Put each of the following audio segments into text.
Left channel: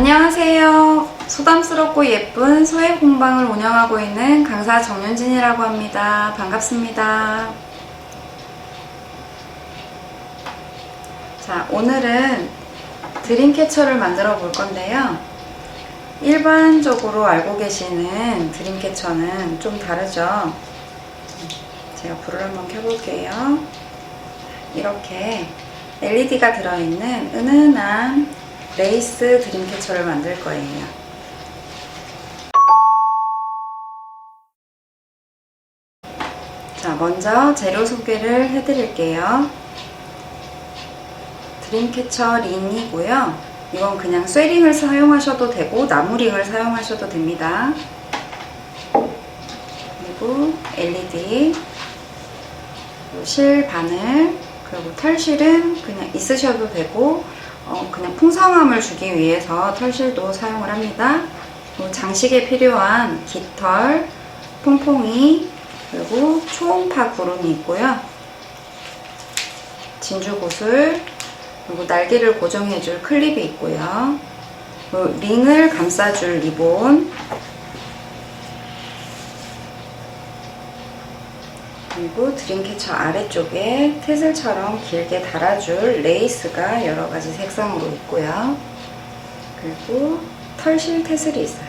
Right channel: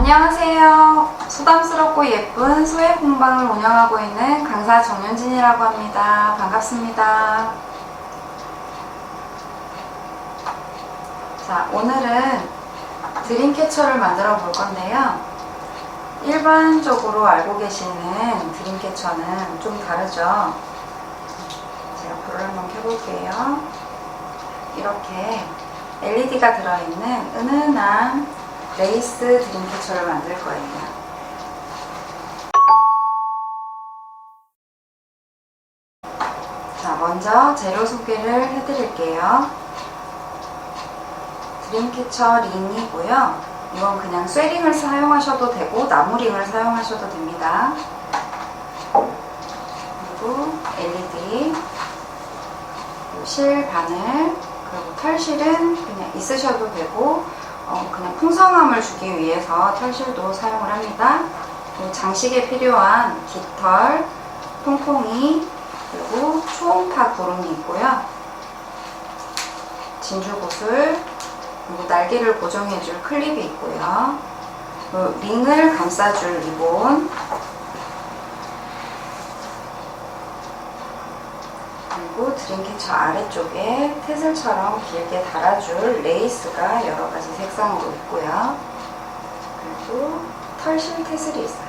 안녕하세요. 소담스럽고 예쁜 소액 공방을 운영하고 있는 강사 정윤진이라고 합니다. 반갑습니다. 자, 오늘은 드림캐쳐를 만들어 볼 건데요. 일반적으로 알고 계시는 드림캐쳐는 좀 다르죠. 제가 불을 한번 켜볼게요. 이렇게 LED가 들어있는 은은한 레이스 드림캐쳐를 만들 거예요. 자, 먼저 재료 소개를 해드릴게요. 드림캐쳐 링이고요. 이건 그냥 쇠링을 사용하셔도 되고 나무링을 사용하셔도 됩니다. 그리고 LED, 실 바늘, 그리고 털실은 그냥 있으셔도 되고 그냥 풍성함을 주기 위해서 털실도 사용을 합니다. 그리고 장식에 필요한 깃털, 퐁퐁이, 그리고 초음파 구름이 있고요. 진주구슬, 그리고 날개를 고정해줄 클립이 있고요. 그리고 링을 감싸줄 리본, 그리고 드림캐쳐 아래쪽에 태슬처럼 길게 달아줄 레이스가 여러가지 색상으로 있고요. 그리고 털실 태슬이 있어요.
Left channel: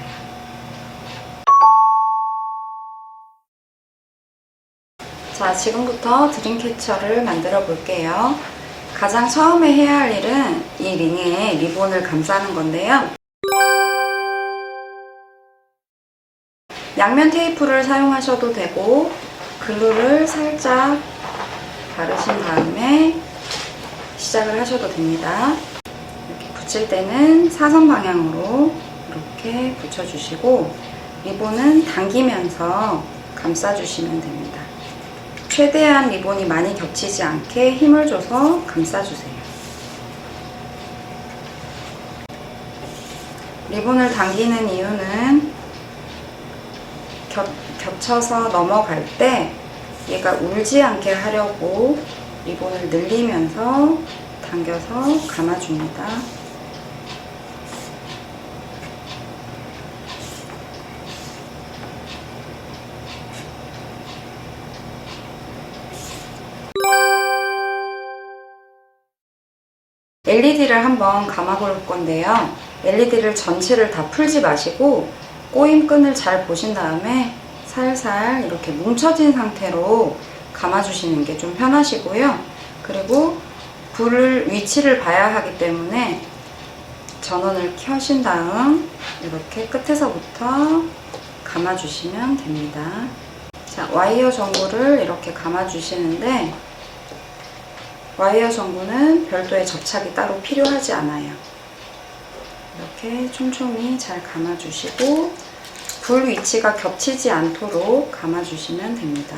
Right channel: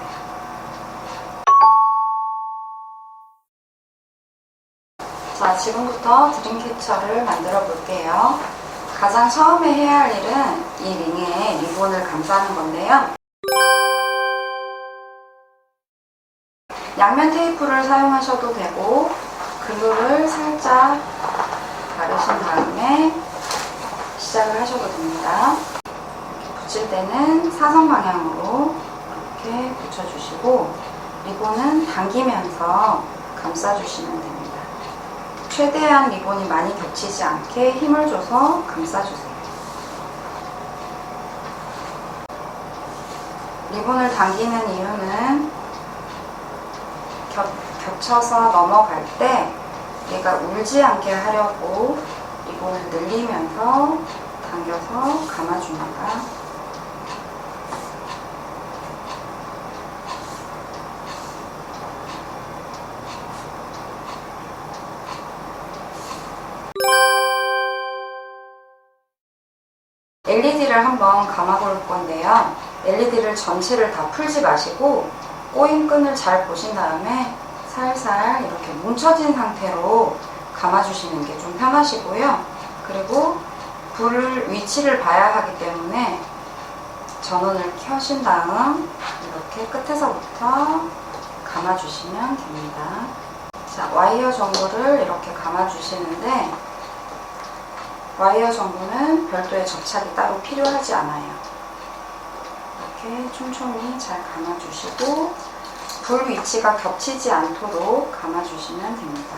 자, 지금부터 드림캐쳐를 만들어 볼게요. 가장 처음에 해야 할 일은 이 링에 리본을 감싸는 건데요. 양면 테이프를 사용하셔도 되고 글루를 살짝 바르신 다음에 시작을 하셔도 됩니다. 이렇게 붙일 때는 사선 방향으로 이렇게 붙여주시고 리본은 당기면서 감싸주시면 됩니다. 최대한 리본이 많이 겹치지 않게 힘을 줘서 감싸주세요. 리본을 당기는 이유는 겹쳐서 넘어갈 때 얘가 울지 않게 하려고 리본을 늘리면서 당겨서 감아줍니다. LED를 한번 감아 볼 건데요. LED를 전체를 다 풀지 마시고 꼬임끈을 잘 보신 다음에 살살 이렇게 뭉쳐진 상태로 감아주시는 게 좀 편하시고요. 그리고 불을 위치를 봐야 하기 때문에 전원을 켜신 다음 이렇게 끝에서부터 감아주시면 됩니다. 자, 와이어 전구를 이렇게 감아주시는데 와이어 전구는 별도의 접착이 따로 필요하지 않아요. 이렇게 촘촘히 잘 감아주시고 불 위치가 겹치지 않도록 감아주시면 됩니다.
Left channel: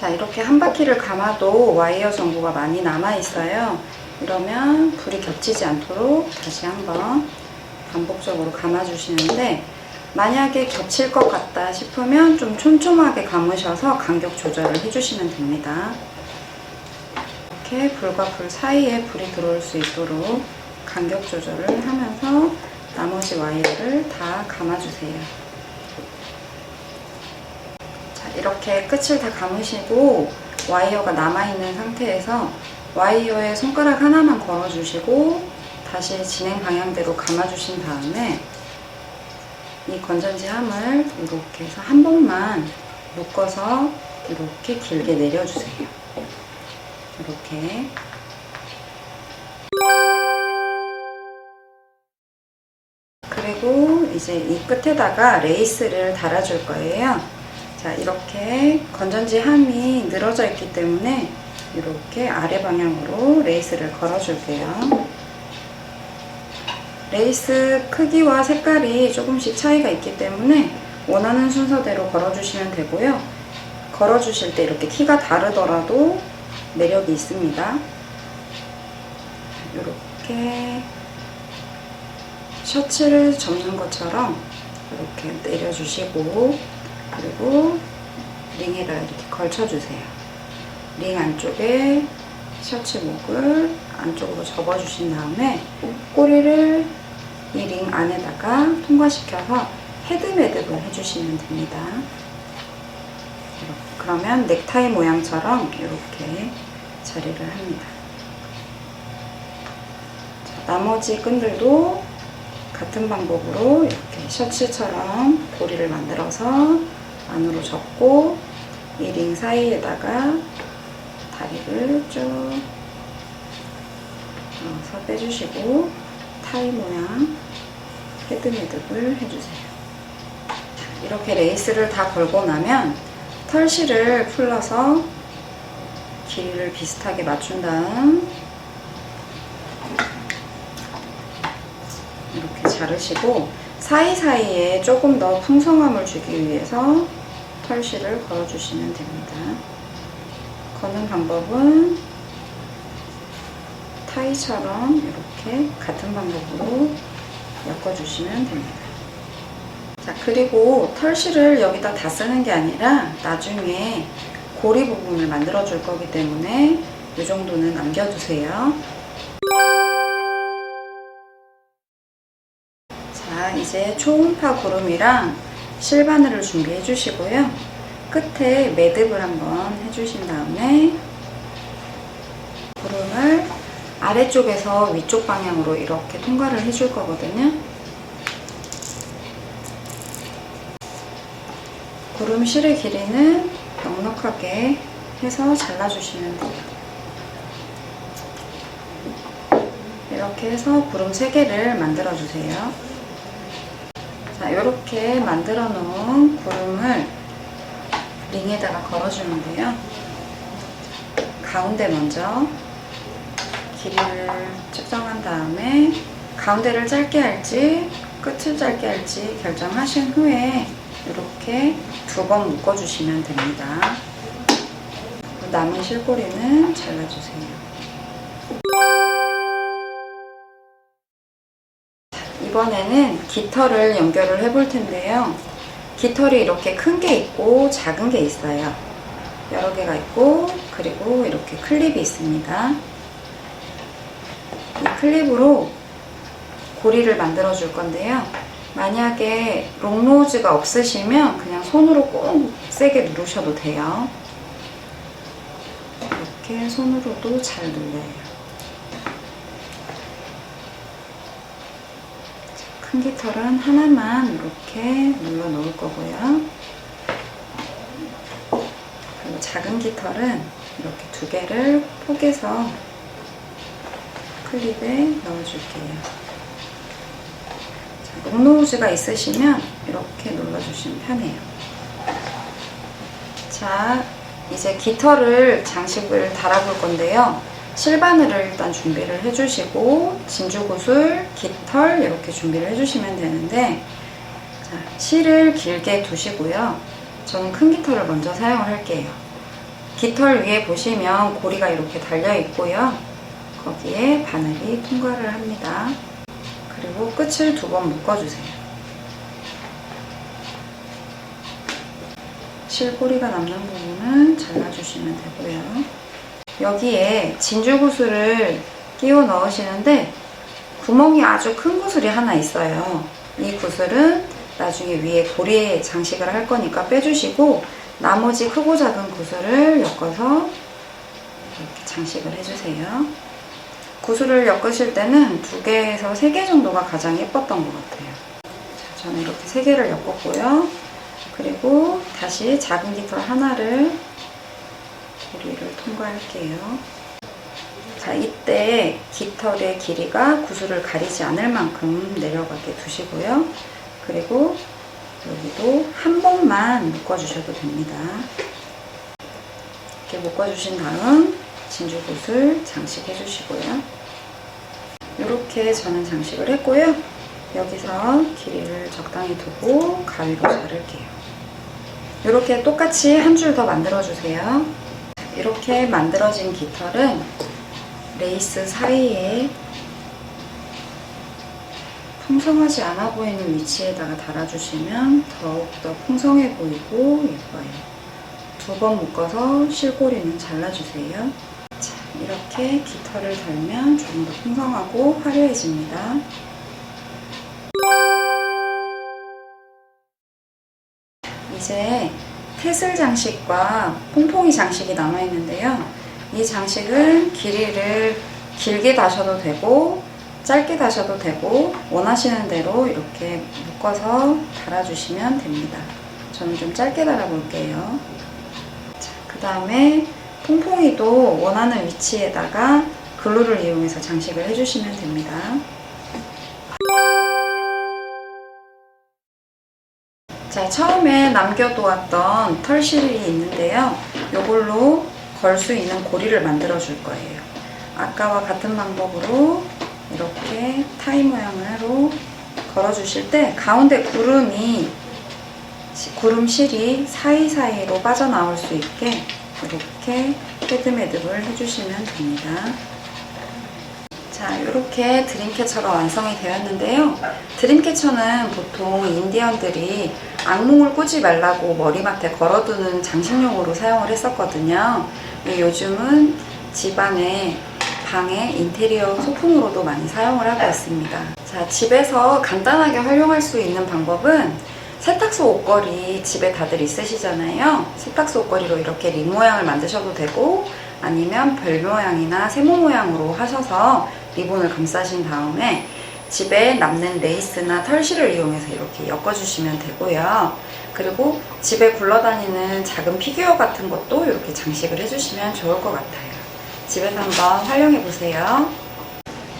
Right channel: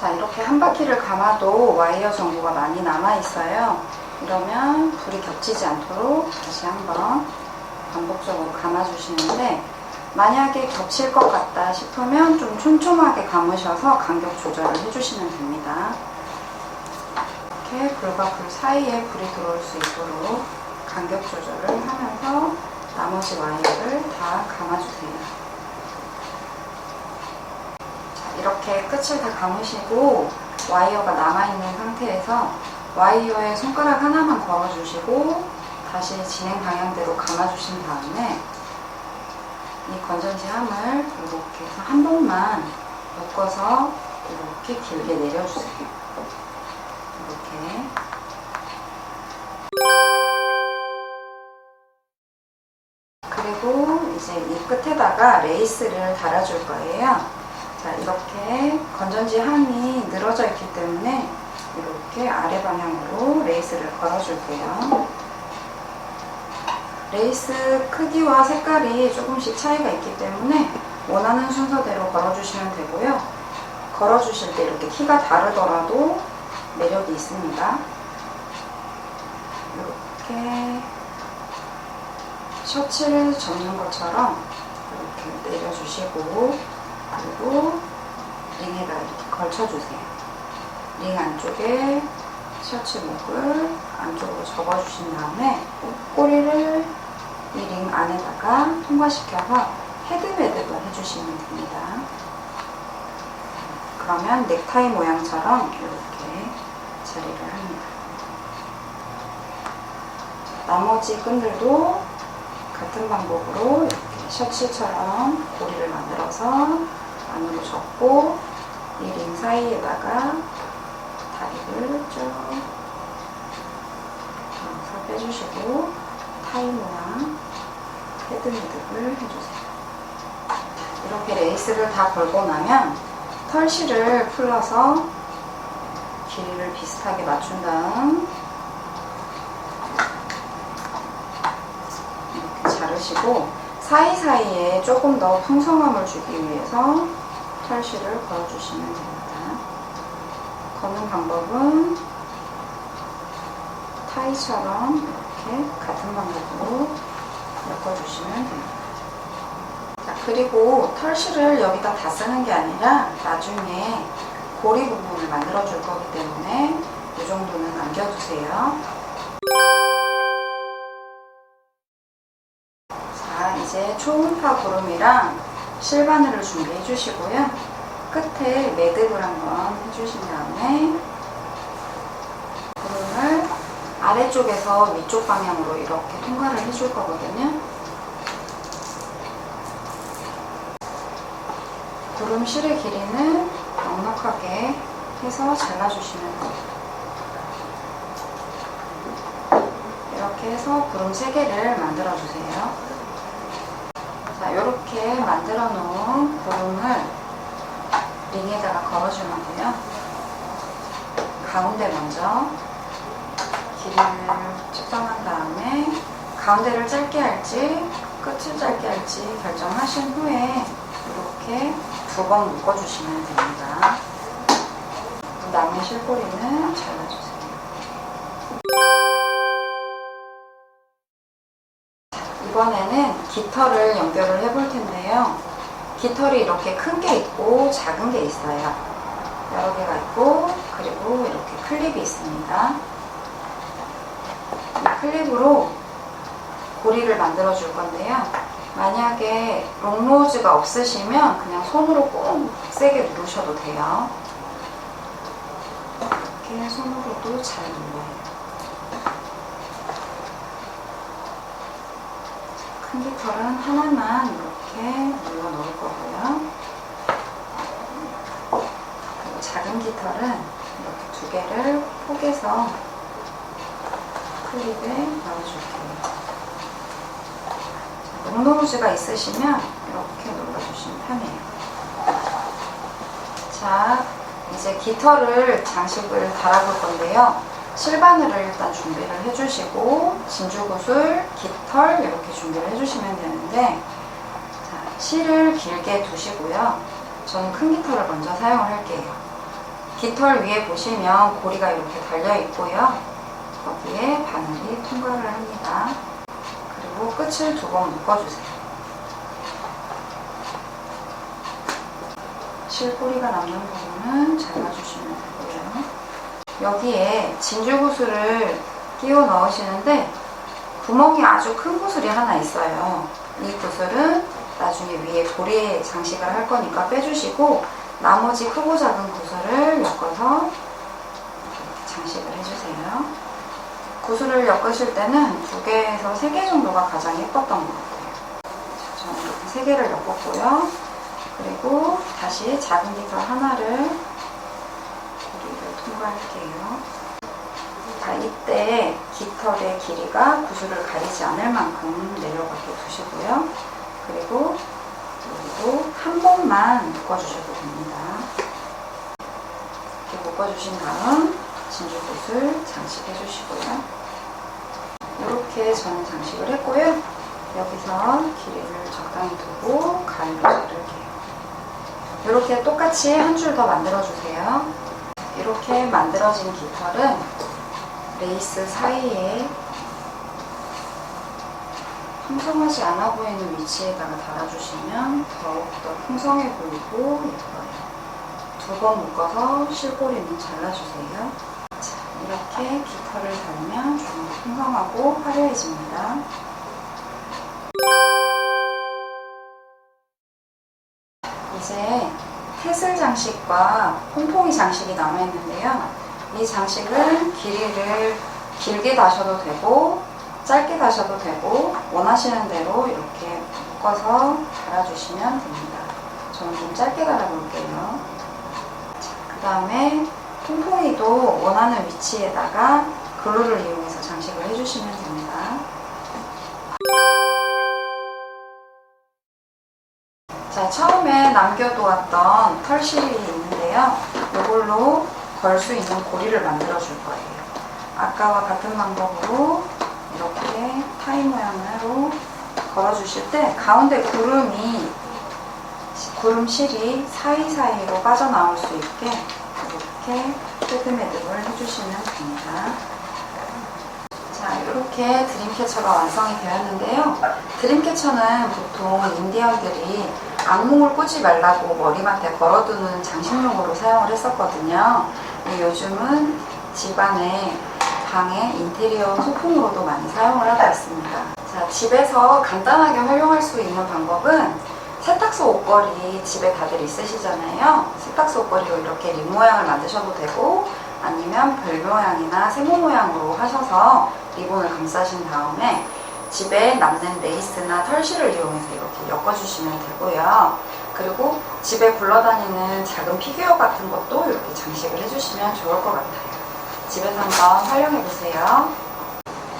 자, 이렇게 한 바퀴를 감아도 와이어 전구가 많이 남아 있어요. 이러면 불이 겹치지 않도록 다시 한번 반복적으로 감아주시는데 만약에 겹칠 것 같다 싶으면 좀 촘촘하게 감으셔서 간격 조절을 해주시면 됩니다. 이렇게 불과 불 사이에 불이 들어올 수 있도록 간격 조절을 하면서 나머지 와이어를 다 감아주세요. 자, 이렇게 끝을 다 감으시고 와이어가 남아있는 상태에서 와이어에 손가락 하나만 걸어주시고 다시 진행 방향대로 감아주신 다음에 이 건전지 함을 이렇게 해서 한 번만 묶어서 이렇게 길게 내려주세요. 이렇게. 그리고 이제 이 끝에다가 레이스를 달아줄 거예요. 자, 이렇게 건전지 함이 늘어져 있기 때문에 이렇게 아래 방향으로 레이스를 걸어줄게요. 레이스 크기와 색깔이 조금씩 차이가 있기 때문에 원하는 순서대로 걸어주시면 되고요. 걸어주실 때 이렇게 키가 다르더라도 매력이 있습니다. 이렇게 셔츠를 접는 것처럼 이렇게 내려주시고 그리고 링에다 이렇게 걸쳐주세요. 링 안쪽에 셔츠 목을 안쪽으로 접어주신 다음에 꼬리를 이 링 안에다가 통과시켜서 헤드매듭을 해주시면 됩니다. 그러면 넥타이 모양처럼 이렇게 자리를 합니다. 나머지 끈들도 같은 방법으로 이렇게 셔츠처럼 고리를 만들어서 안으로 접고 이 링 사이에다가 다리를 쭉 넣어서 빼주시고 타이 모양 헤드매듭을 해주세요. 이렇게 레이스를 다 걸고 나면 털실을 풀러서 길이를 비슷하게 맞춘 다음 이렇게 자르시고 사이사이에 조금 더 풍성함을 주기 위해서 털실을 걸어주시면 됩니다. 거는 방법은 타이처럼 이렇게 같은 방법으로 엮어주시면 됩니다. 자, 그리고 털실을 여기다 다 쓰는 게 아니라 나중에 고리 부분을 만들어 줄 거기 때문에 이 정도는 남겨두세요. 자, 이제 초음파 구름이랑 실바늘을 준비해 주시고요. 끝에 매듭을 한번 해주신 다음에 구름을 아래쪽에서 위쪽 방향으로 이렇게 통과를 해줄 거거든요. 구름 실의 길이는 넉넉하게 해서 잘라주시면 돼요. 이렇게 해서 구름 3개를 만들어주세요. 자, 이렇게 만들어 놓은 구름을 링에다가 걸어주는데요. 가운데 먼저 길이를 측정한 다음에 가운데를 짧게 할지 끝을 짧게 할지 결정하신 후에 이렇게 2번 묶어주시면 됩니다. 남은 실꼬리는 잘라주세요. 이번에는 깃털을 연결을 해볼 텐데요. 깃털이 이렇게 큰 게 있고 작은 게 있어요. 여러 개가 있고 그리고 이렇게 클립이 있습니다. 이 클립으로 고리를 만들어 줄 건데요. 만약에 롱노즈가 없으시면 그냥 손으로 꼭 세게 누르셔도 돼요. 이렇게 손으로도 잘 눌러요. 큰 깃털은 하나만 이렇게 눌러 놓을 거고요. 그리고 작은 깃털은 이렇게 2개를 포개서 클립에 넣어줄게요. 롱노즈가 있으시면 이렇게 눌러주시면 편해요. 자, 이제 깃털을 장식을 달아볼 건데요. 실바늘을 일단 준비를 해주시고 진주구슬, 깃털 이렇게 준비를 해주시면 되는데 자, 실을 길게 두시고요. 저는 큰 깃털을 먼저 사용을 할게요. 깃털 위에 보시면 고리가 이렇게 달려 있고요. 거기에 바늘이 통과를 합니다. 그리고 끝을 2번 묶어주세요. 실꼬리가 남는 부분은 잘라주시면 되고요. 여기에 진주구슬을 끼워 넣으시는데 구멍이 아주 큰 구슬이 하나 있어요. 이 구슬은 나중에 위에 도리에 장식을 할 거니까 빼주시고 나머지 크고 작은 구슬을 엮어서 이렇게 장식을 해주세요. 구슬을 엮으실 때는 2개에서 3개 정도가 가장 예뻤던 것 같아요. 저는 이렇게 3개를 엮었고요. 그리고 다시 작은 깃털 하나를 고리를 통과할게요. 자, 이때 깃털의 길이가 구슬을 가리지 않을 만큼 내려가게 두시고요. 그리고 여기도 한 번만 묶어주셔도 됩니다. 이렇게 묶어주신 다음 진주구슬 장식해 주시고요. 이렇게 저는 장식을 했고요. 여기서 길이를 적당히 두고 가위로 자를게요. 이렇게 똑같이 한 줄 더 만들어 주세요. 이렇게 만들어진 깃털은 레이스 사이에 풍성하지 않아 보이는 위치에다가 달아주시면 더욱더 풍성해 보이고 예뻐요. 두 번 묶어서 실고리는 잘라주세요. 자, 이렇게 깃털을 달면 좀 더 풍성하고 화려해집니다. 이제 태슬 장식과 퐁퐁이 장식이 남아있는데요. 이 장식은 길이를 길게 다셔도 되고 짧게 다셔도 되고 원하시는 대로 이렇게 묶어서 달아주시면 됩니다. 저는 좀 짧게 달아볼게요. 그 다음에 퐁퐁이도 원하는 위치에다가 글루를 이용해서 장식을 해주시면 됩니다. 자, 처음에 남겨두었던 털실이 있는데요. 이걸로 걸 수 있는 고리를 만들어 줄 거예요. 아까와 같은 방법으로 이렇게 타이 모양으로 걸어 주실 때 가운데 구름실이 사이사이로 빠져나올 수 있게 이렇게 헤드매듭을 해주시면 됩니다. 자, 이렇게 드림캐쳐가 완성이 되었는데요. 드림캐쳐는 보통 인디언들이 악몽을 꾸지 말라고 머리맡에 걸어두는 장식용으로 사용을 했었거든요. 요즘은 집안에 방에 인테리어 소품으로도 많이 사용을 하고 있습니다. 자, 집에서 간단하게 활용할 수 있는 방법은 세탁소 옷걸이 집에 다들 있으시잖아요. 세탁소 옷걸이로 이렇게 링 모양을 만드셔도 되고 아니면 별 모양이나 세모 모양으로 하셔서 리본을 감싸신 다음에 집에 남는 레이스나 털실을 이용해서 이렇게 엮어주시면 되고요. 그리고 집에 굴러다니는 작은 피규어 같은 것도 이렇게 장식을 해주시면 좋을 것 같아요. 집에서 한번 활용해보세요.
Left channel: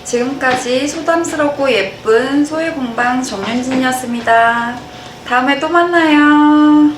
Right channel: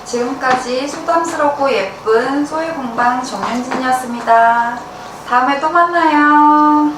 지금까지 소담스럽고 예쁜 소의 공방 정윤진이었습니다. 다음에 또 만나요.